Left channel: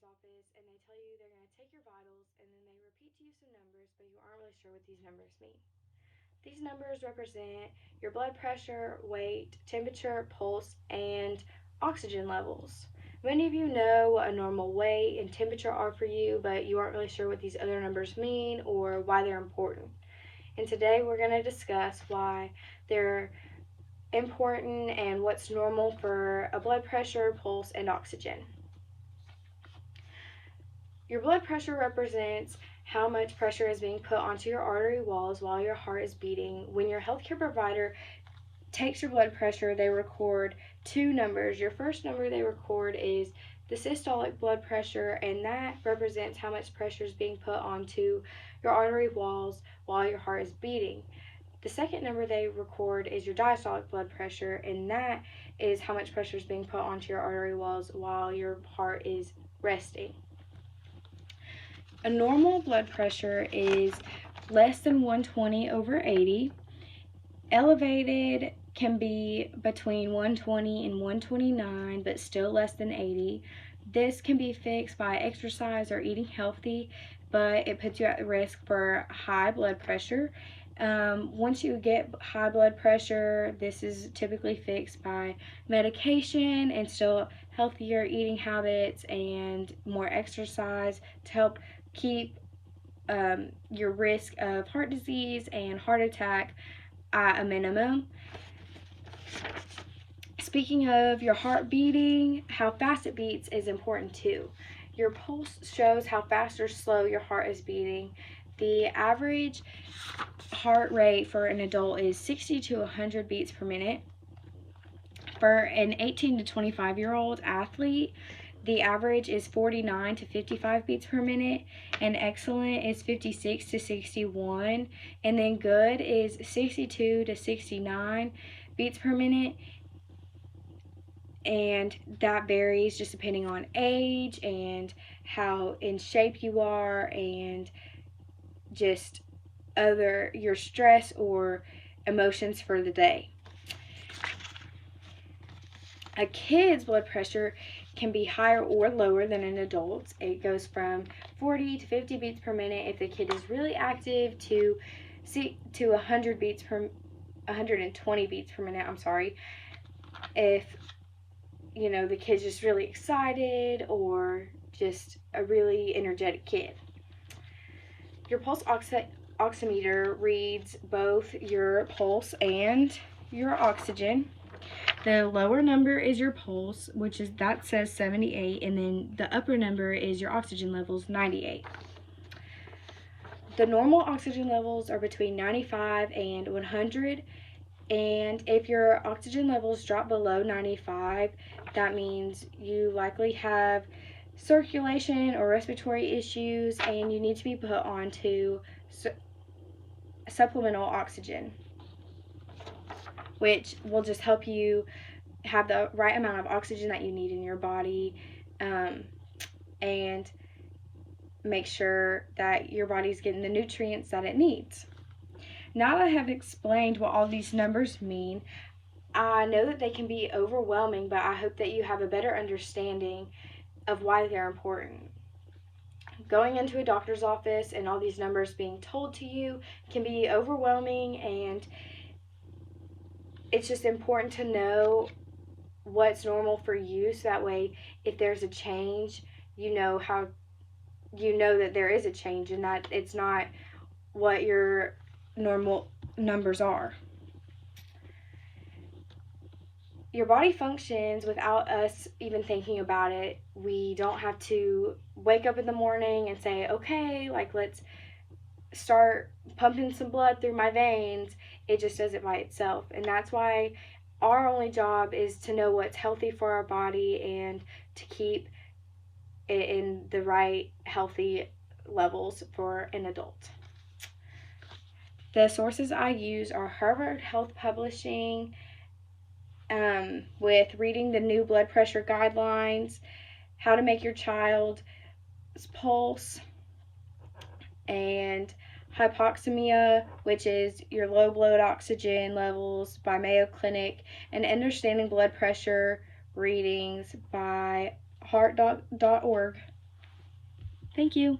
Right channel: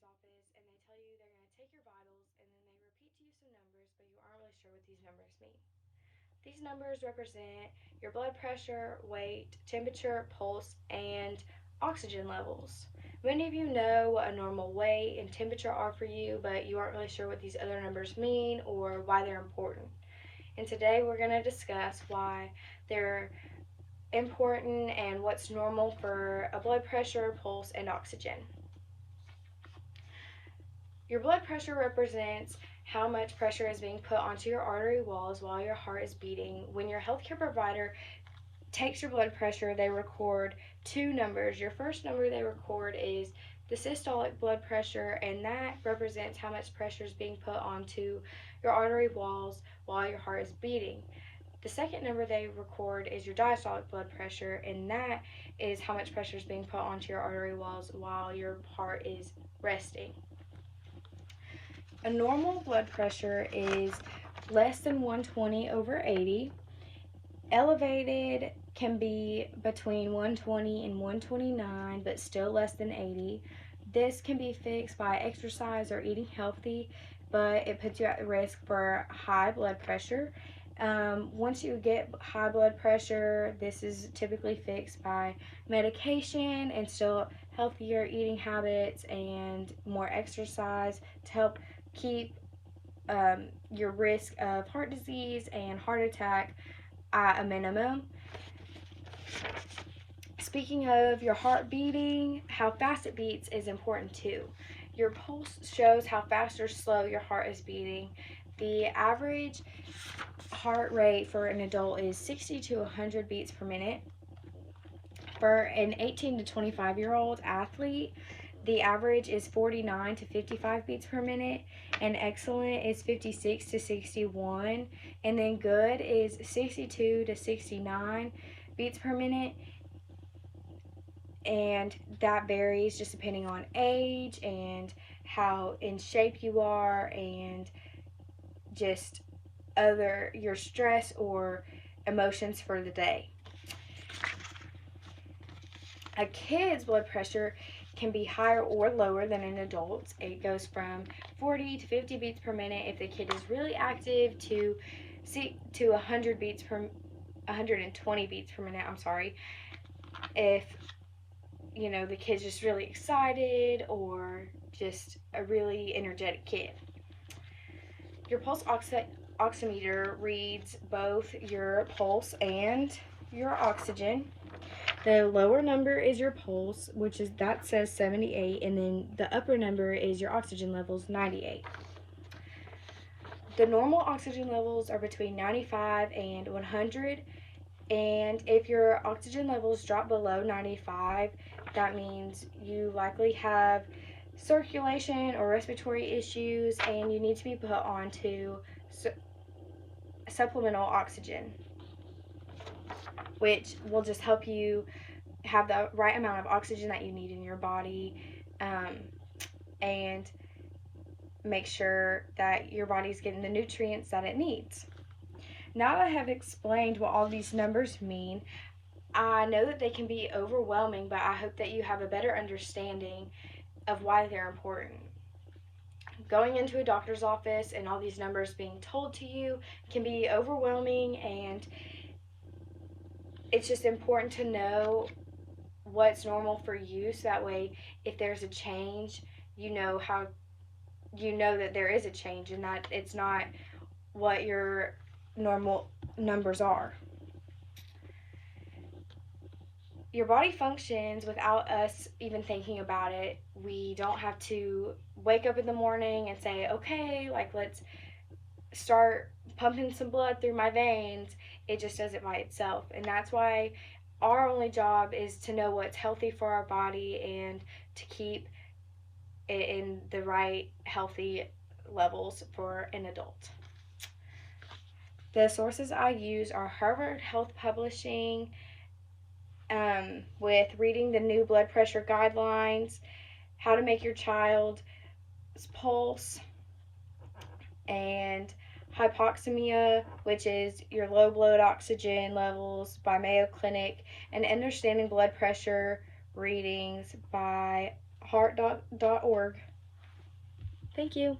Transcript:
doctor's office and they tell you they're going to take your vitals and then they repeat to you some numbers, but you aren't really sure what these numbers mean. These numbers represent your blood pressure, weight, temperature, pulse, and oxygen levels. Many of you know what a normal weight and temperature are for you, but you aren't really sure what these other numbers mean or why they're important. And today we're going to discuss why they're important and what's normal for a blood pressure, pulse, and oxygen. Your blood pressure represents how much pressure is being put onto your artery walls while your heart is beating. When your healthcare provider takes your blood pressure, they record two numbers. Your first number they record is the systolic blood pressure, and that represents how much pressure is being put onto your artery walls while your heart is beating. The second number they record is your diastolic blood pressure, and that is how much pressure is being put onto your artery walls while your heart is resting. A normal blood pressure is less than 120/80. Elevated can be between 120 and 129, but still less than 80. This can be fixed by exercise or eating healthy, but it puts you at risk for high blood pressure. Once you get high blood pressure, this is typically fixed by medication and still healthier eating habits and more exercise to help keep your risk of heart disease and heart attack at a minimum. Speaking of your heart beating, how fast it beats is important too. Your pulse shows how fast or slow your heart is beating. The average heart rate for an adult is 60 to 100 beats per minute. For an 18 to 25-year-old athlete, the average is 49 to 55 beats per minute, and excellent is 56 to 61, and then good is 62 to 69 beats per minute, and that varies just depending on age and how in shape you are and just your stress or emotions for the day. A kid's blood pressure can be higher or lower than an adult's. It goes from 40 to 50 beats per minute if the kid is really active to 120 beats per minute, if the kid's just really excited or just a really energetic kid. Your pulse oximeter reads both your pulse and your oxygen. The lower number is your pulse, that says 78, and then the upper number is your oxygen levels, 98. The normal oxygen levels are between 95 and 100, and if your oxygen levels drop below 95, that means you likely have circulation or respiratory issues and you need to be put onto supplemental oxygen, which will just help you have the right amount of oxygen that you need in your body, and make sure that your body's getting the nutrients that it needs. Now that I have explained what all these numbers mean, I know that they can be overwhelming, but I hope that you have a better understanding of why they're important. Going into a doctor's office and all these numbers being told to you can be overwhelming, and it's just important to know what's normal for you, so that way if there's a change, you know that there is a change and that it's not what your normal numbers are. Your body functions without us even thinking about it. We don't have to wake up in the morning and say, okay, let's start pumping some blood through my veins. It just does it by itself. And that's why our only job is to know what's healthy for our body and to keep it in the right healthy levels for an adult. The sources I use are Harvard Health Publishing, with reading the new blood pressure guidelines, how to make your child's pulse, and hypoxemia, which is your low blood oxygen levels, by Mayo Clinic, and understanding blood pressure readings by heart.org. Thank you.